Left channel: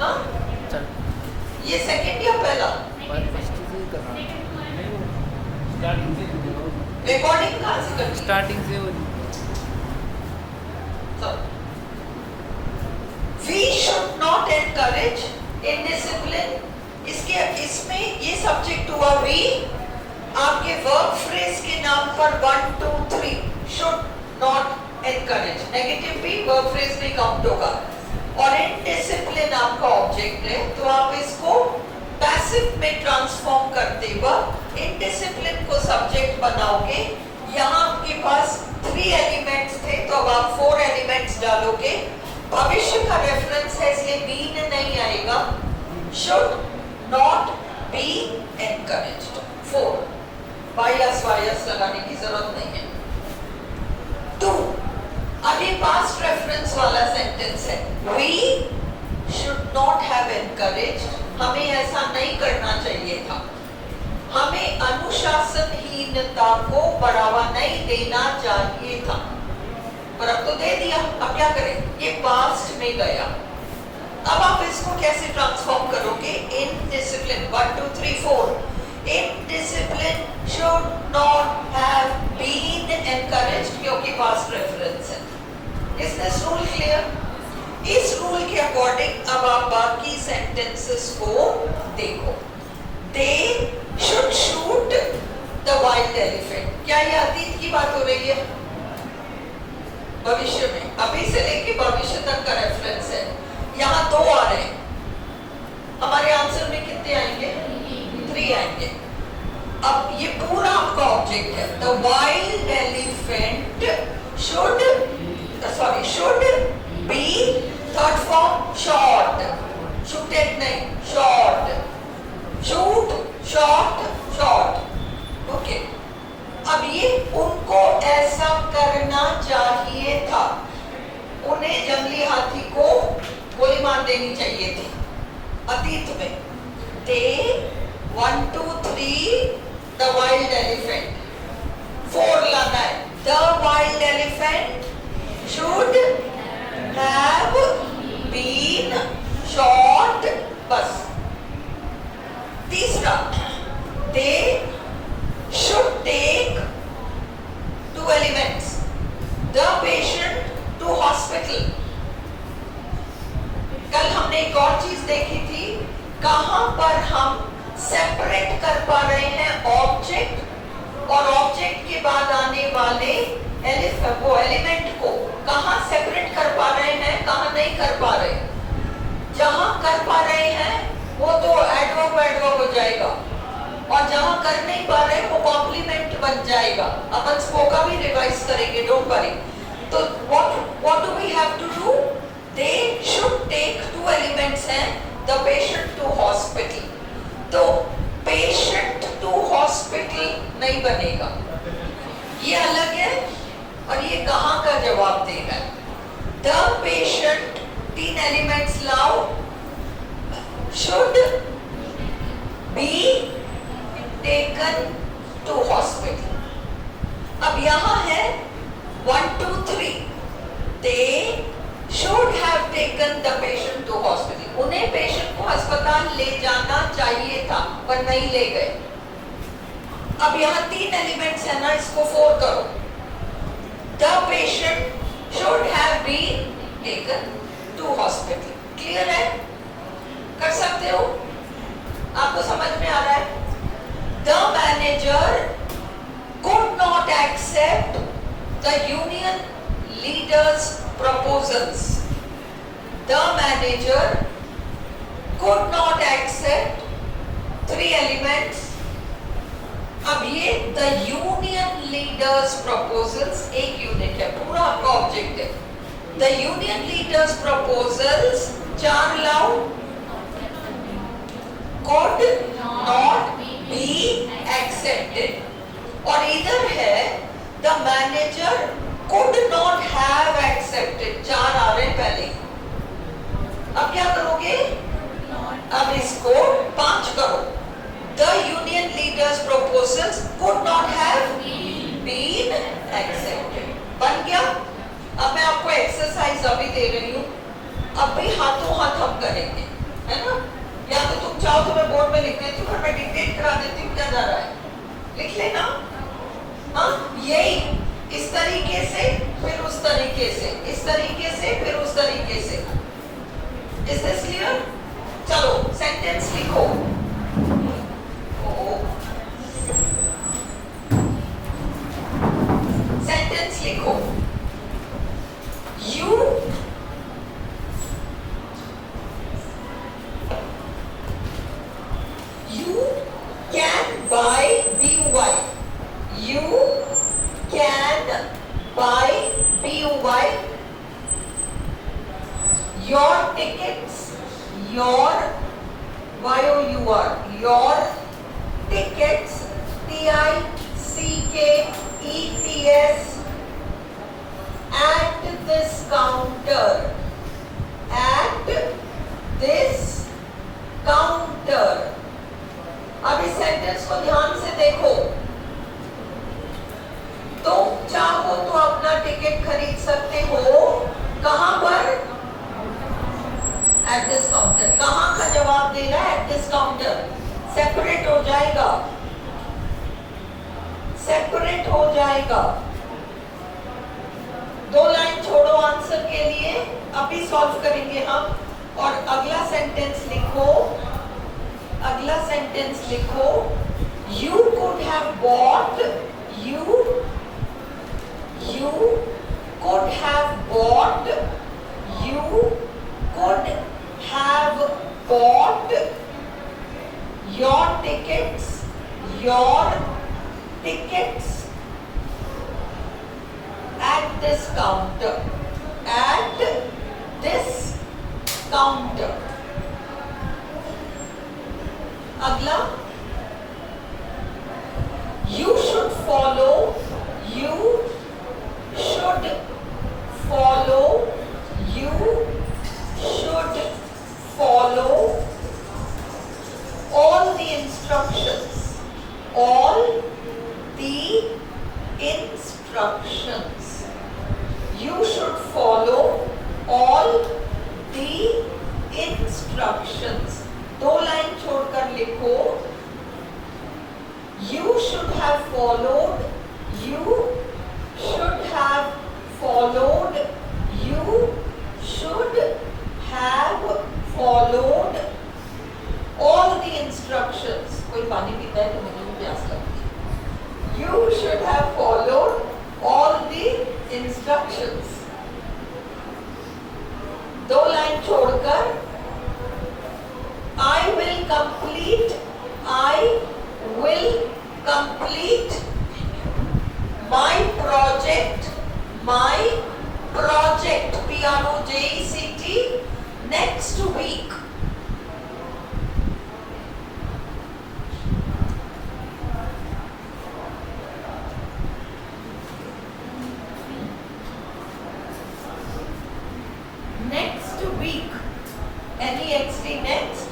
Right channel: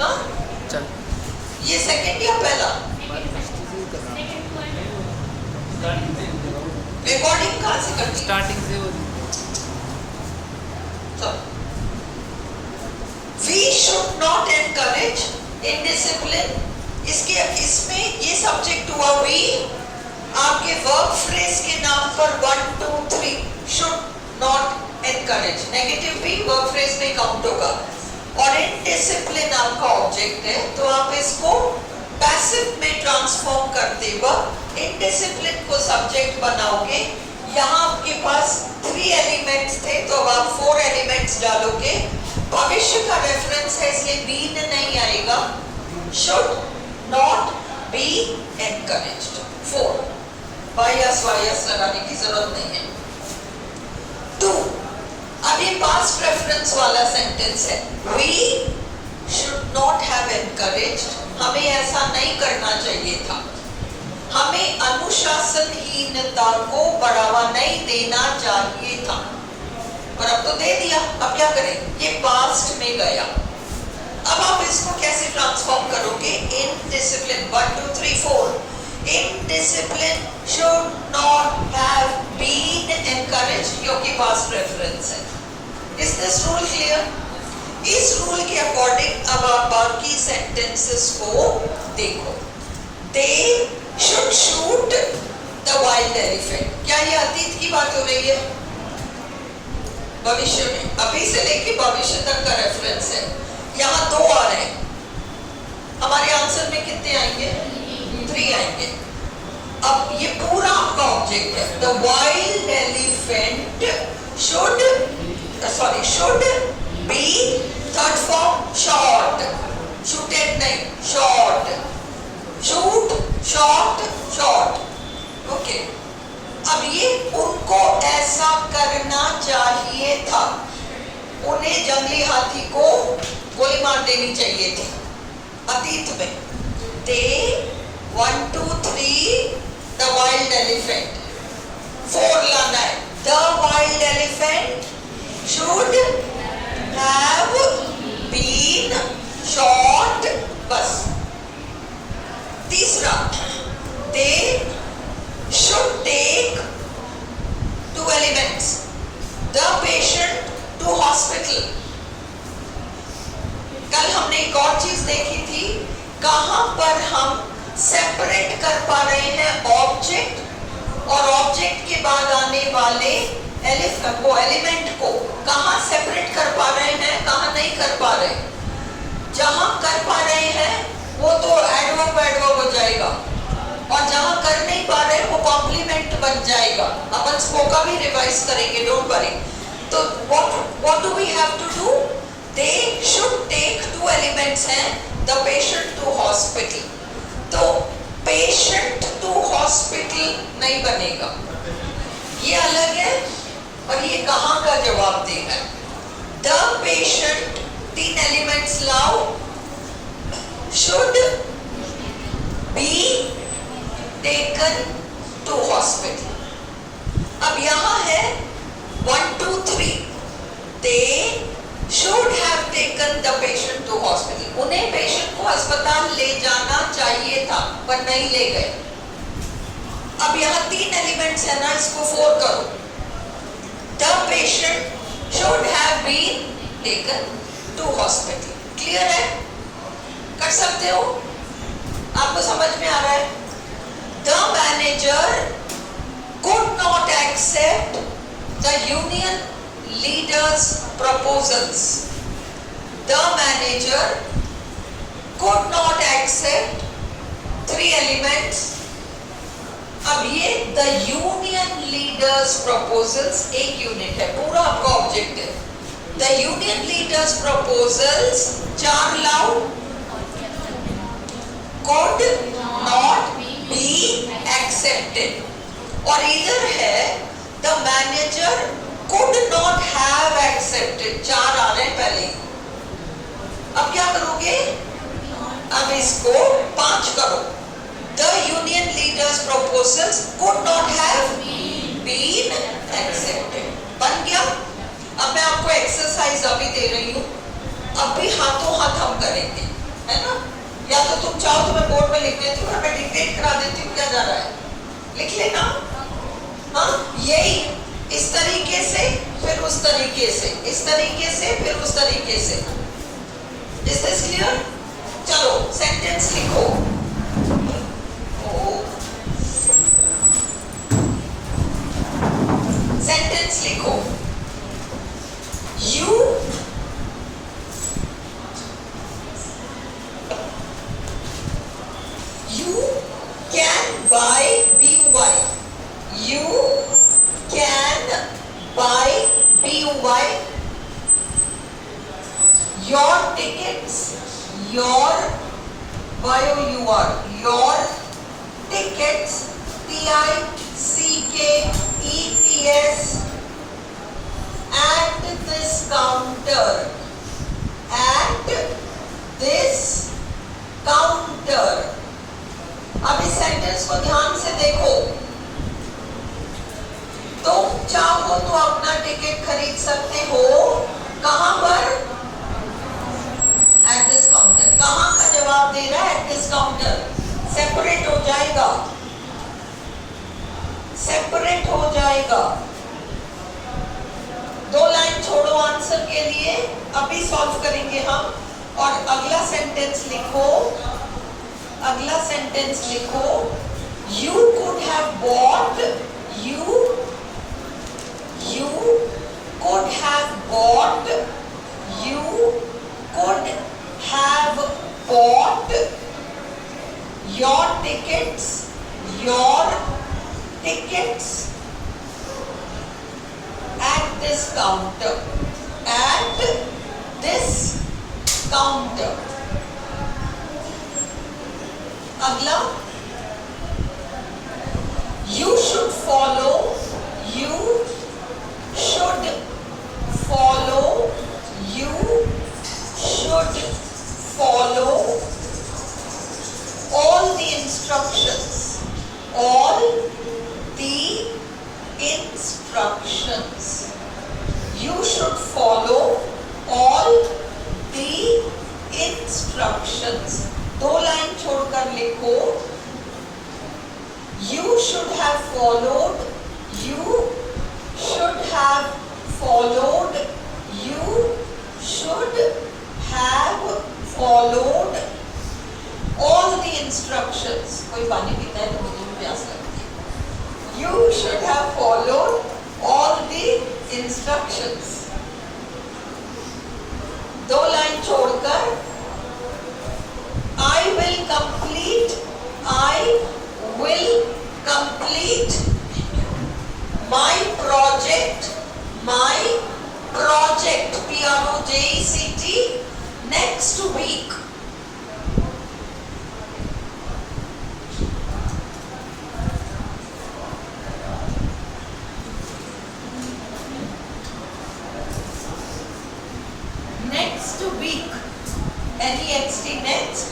हाँ चल ये सेकंड या पहला रिकॉर्डिंग कहाँ से करती है? स्टार्टिंग से वो We should not encourage indiscipline. इसमें ये सब्जेक्ट हुआ we, आपके वर्ब फ्रेज के नाम पर 1 2 3 should not encourage, नेगेटिव भी वर्ब फ्रेज में काउंट होगा और इनडिसिप्लिन आपका ऑब्जेक्ट है, तो आप इसको पैसिव में ट्रांसफॉर्म करते हुए इनडिसिप्लिन को सब्जेक्ट बनाओगे। यहाँ आपके पास 3 एलिमेंट्स थे तो अब आप 4 एलिमेंट्स डालोगे। भविष्य का रेफरेंस है इसलिए बीन नहीं आएगा। शुड नॉट बी एनकरेज्ड 4 बायस वायस लगाने की जरूरत नहीं है। 2 अब ये पास्ट प्रेफरेंस वाला सेंटेंस है। We should not have encouraged, हमें ऐसा नहीं करना चाहिए था, हमें अनुशासनहीनता को बढ़ावा नहीं देना चाहिए था, पर अब तो दे दिया, अब क्या करें? ये पास्ट में गया। अब आप इसको कैसे ट्रांसफॉर्म करोगे? Indiscipline 1 2 3 4 indiscipline should not have been encouraged क्योंकि पास्ट रेफरेंस है। Is this rule clear? इस रूल के अकॉर्डिंग अब आप बाकी सेंटेंसेस को देखो। They should shoot the wild elephant. क्या ये अतीत की बात हो रही है? भविष्य में, अभी से लेके भविष्य तक का रेफरेंस है। यहाँ 2 आ रहे हैं, हमारे आंसर में कितने आएंगे? 3 आएंगे। अब ये पूरा आपका ऑब्जेक्ट है। The wild elephant should be third form shot, shooted नहीं, shot, shoot, shot, okay। अब ये उनको ऐसा करना चाहिए था, उन्हें जंगली हाथी को गोली मार देनी चाहिए थी अतीत में। They 1 2 3 the wild elephant 4 लाना है। The wild elephant should have been shot, बस। तीसरा, they should take 2 elements, the patient to hospital। कल हमने एक और चीज देखी थी, कहां पर हम सेपरेट कर पा रहे हैं ऑब्जेक्ट और ऑब्जेक्ट के बाद आने वाले वो एलिमेंट को कहां सेपरेट कर पा रहे हैं, कहां नहीं कर पा रहे। जहां कर पा रहे हैं वो तो एडवर्ब हो जाएगा और जहां कर नहीं पा रहे वो कॉम्प्लीमेंट बन जाएगा। अपन स्पोका भी रिवाइज करेंगे, डोंट वरी। तो what do we have to do? They should take 2 elements हैं, the patient to hospital। तो patient to hospital नहीं बनेगा, ये अलग है और ये कहां का जवाब देगा। The patient 3 एलिमेंट्स लाओ, should be taken to hospital। अब यहां है 1 2 3 they should have taken the patient to hospital, उन्हें पेशेंट को अस्पताल ले जाना चाहिए था पर नहीं ले गए। अब यहाँ 3 एलिमेंट्स है ना, इसको 4 करो। The patient should have been taken to hospital। Clear है? कर सकते हो? आपको समझ में आ रहा है? The manager could not accept the union leaders' proposals। The manager could not accept 3 elements। अब ये द यूनियन लीडर्स प्रपोजल्स एक यूनिट है, पूरा आपका ऑब्जेक्ट है। द यूनियन लीडर्स प्रपोजल्स 4 लाओ, could not be accepted और इधर है the manager could not have accepted, 4 आ रहे हैं पहले। अब क्या करोगे? अब इसको 5 करो। The union leaders' proposals could not have been accepted। बन गया? अब मैं आपको एक्सरसाइज अभी दे रही हूँ, अब भी हाथों हाथ हम करेंगे। है ना? या तो तुम चाहो तो मैं बोर्ड में लिख देती हूँ, मैं डिक्टेट करा देती हूँ, क्या जा रहा है, लिख लेना। हाँ, यही इस तरीके से फिर उस तरीके से, इस तरीके से फिर उस तरीके से। Is this clear? चलो सेंटेंस लिखो। सेंटेंस लिखो। You can buy BUY. You can buy BUY. Your tickets, your YOUR, your tickets, TICKETS, at this counter, at this counter. अब इस सेंटेंस को ध्यान से देखो। तुम चाहो तो अपना टिकट खरीद सकते हो, कहां पर? At this counter. कहां का जवाब दे रहा है? At this counter. सेपरेट हो जाएगा, सेपरेट हो जाएगा। 2 लाइन छोड़ो आंसर के लिए, अभी सॉल्व करेंगे हम। और अगला सेंटेंस लिखो, अगला सेंटेंस लिखो। You could have bought, you could have bought, you could have bought your tickets at this counter, at this counter. अगला, you should follow, you should follow, you should follow all the instructions, all the instructions. You should follow all the instructions. 2 line छोड़कर लिखो। You should have followed, you should have followed, you should have followed all the instructions. कोई पानी पीता है तो मुझे भी प्यास लगती है। You should have followed all the instructions. 2 line छोड़कर I will complete my project, PROJECT, next week. Next week, NEXT, next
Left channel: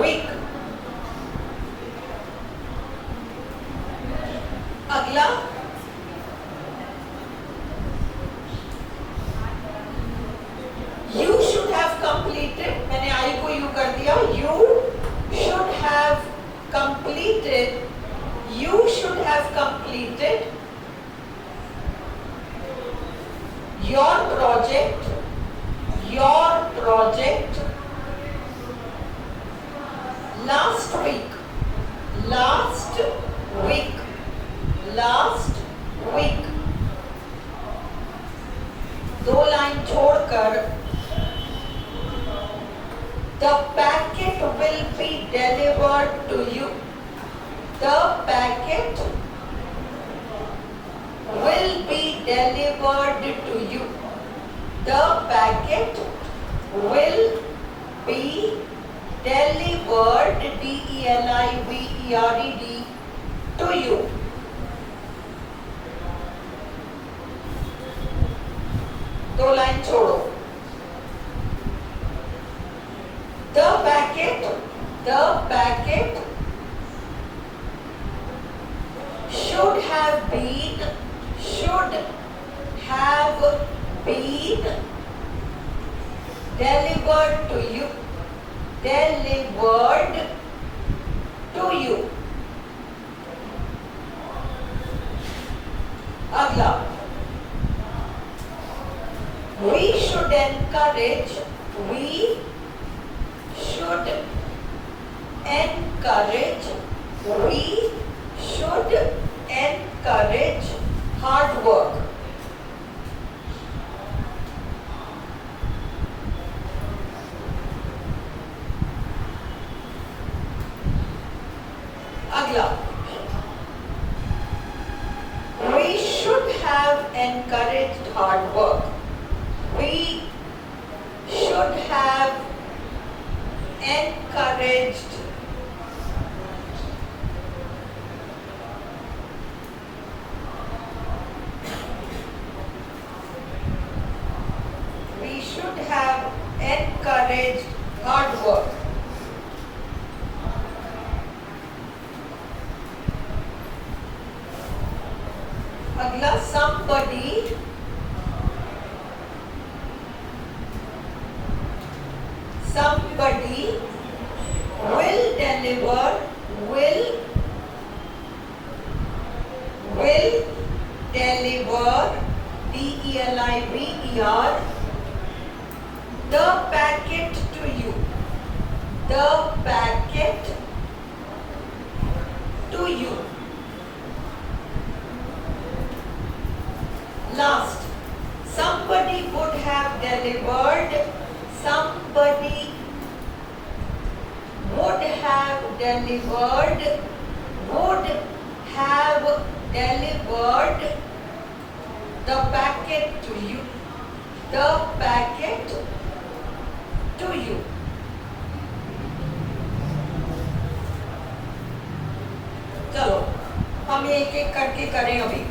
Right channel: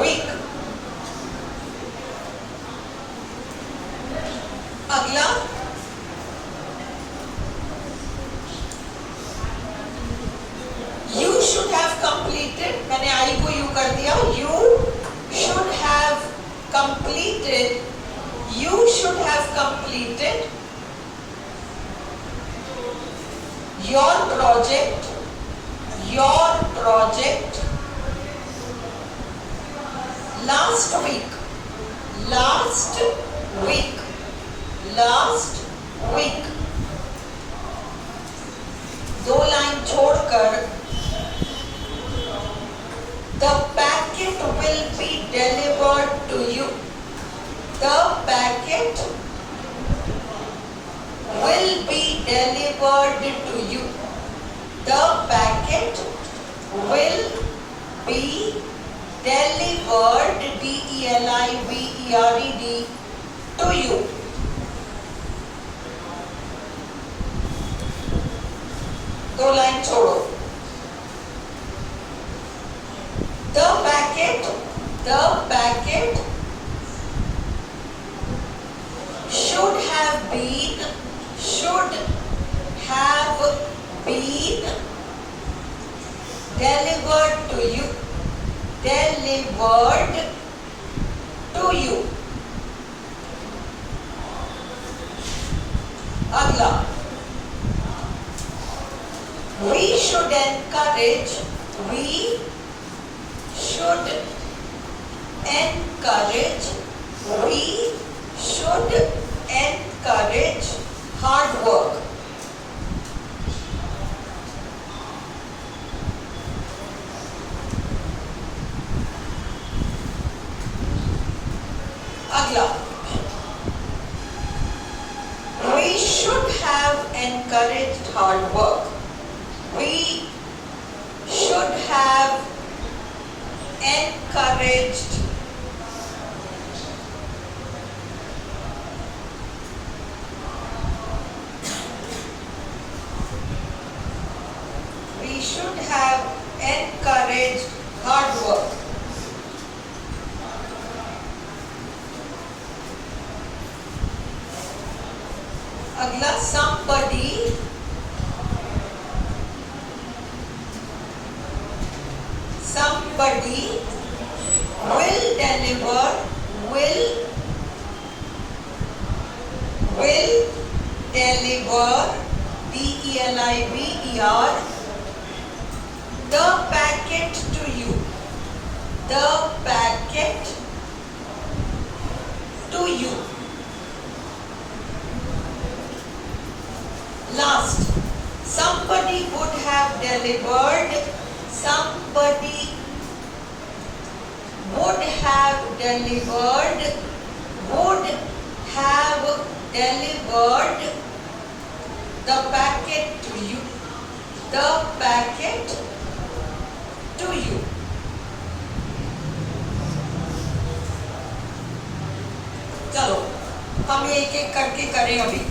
week. अगला, you should have completed, मैंने आई को यू कर दिया, you should have completed, you should have completed your project last week, last week, last week. 2 line छोड़कर the packet will be delivered to you, the packet will be delivered to you, the packet will be delivered, DELIVERED, to you. दो line छोड़ो। The packet should have been delivered to you. delivered to you. अगला, we should encourage hard work. अगला, we should have encouraged hard work. We should have encouraged hard work. अगला, somebody will deliver deliver the packet to you. Last, somebody would have delivered the packet to you. चलो हम ये एक एक करके करें अभी।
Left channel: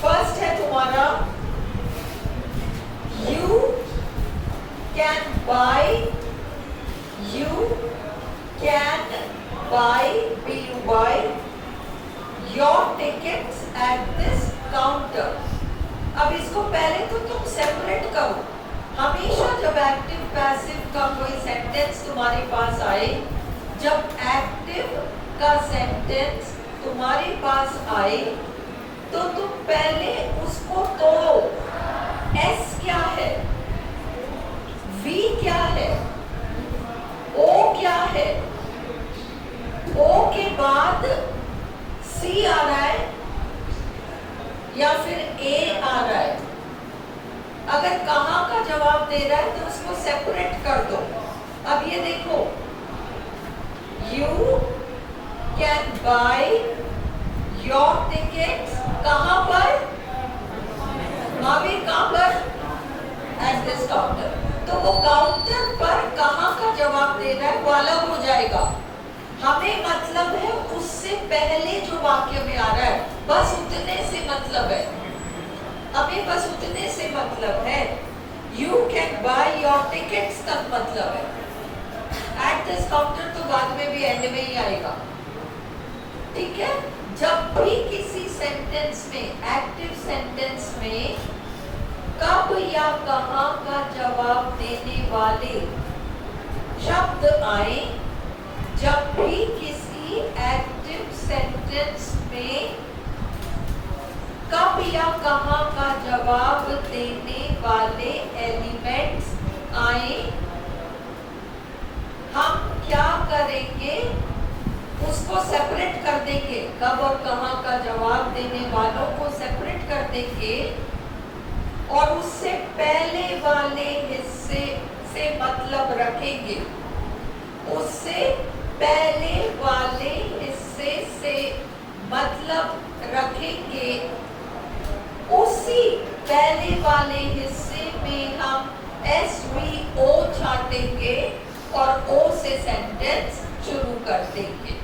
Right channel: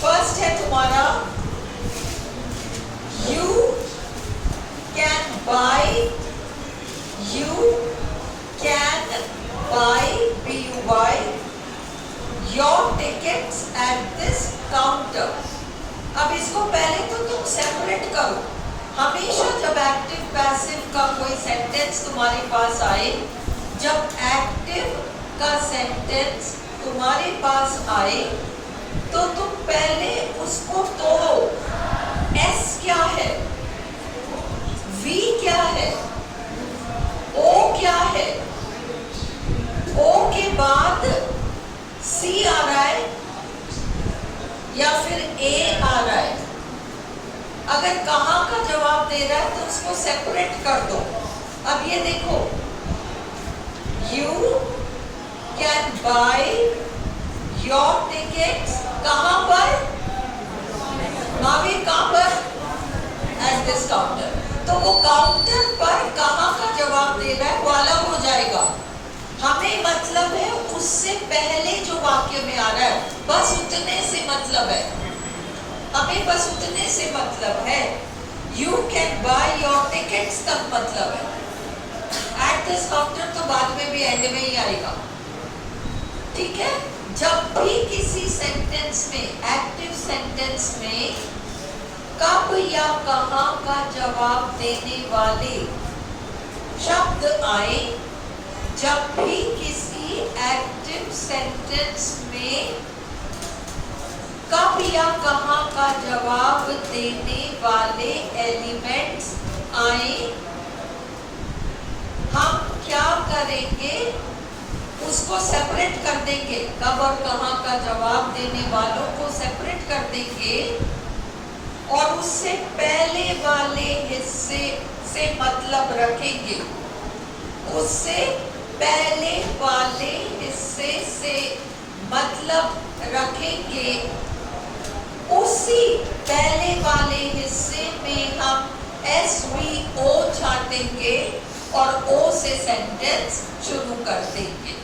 फर्स्ट है तुम्हारा, you can buy your tickets at this counter. अब इसको पहले तो तुम सेपरेट करो। हमेशा जब एक्टिव पैसिव का कोई सेंटेंस तुम्हारे पास आए, जब एक्टिव का सेंटेंस तुम्हारे पास आए तो तुम पहले उसको तोड़ो। एस क्या है, वी क्या है, ओ क्या है, ओ के बाद सी आ रहा है या फिर ए आ रहा है। अगर कहाँ का जवाब दे रहा है तो उसको सेपरेट कर दो। अब ये देखो, you can buy your tickets कहाँ पर, मावी कहाँ पर, at this counter। तो वो काउंटर पर कहाँ का जवाब दे रहा है वो अलग हो जाएगा। हमें मतलब है उससे पहले जो वाक्य में आ रहा है, बस उतने से मतलब है, हमें बस उतने से मतलब है। You can buy your tickets तक मतलब है। At this counter तो बाद में भी एंड में ही आएगा, ठीक है। जब भी किसी सेंटेंस में, एक्टिव सेंटेंस में कब या कहाँ का जवाब देने वाले शब्द आए, जब भी किसी एक्टिव सेंटेंस में कब या कहाँ का जवाब देने वाले एलिमेंट्स आए, हम क्या करेंगे, उसको सेपरेट कर देंगे। कब और कहाँ का जवाब देने वालों को सेपरेट कर देंगे और उससे पहले वाले हिस्से से मतलब रखेंगे। उससे पहले वाले हिस्से से मतलब रखेंगे। उसी पहले वाले हिस्से में हम SVO छाटेंगे और O से सेंटेंस शुरू कर देंगे।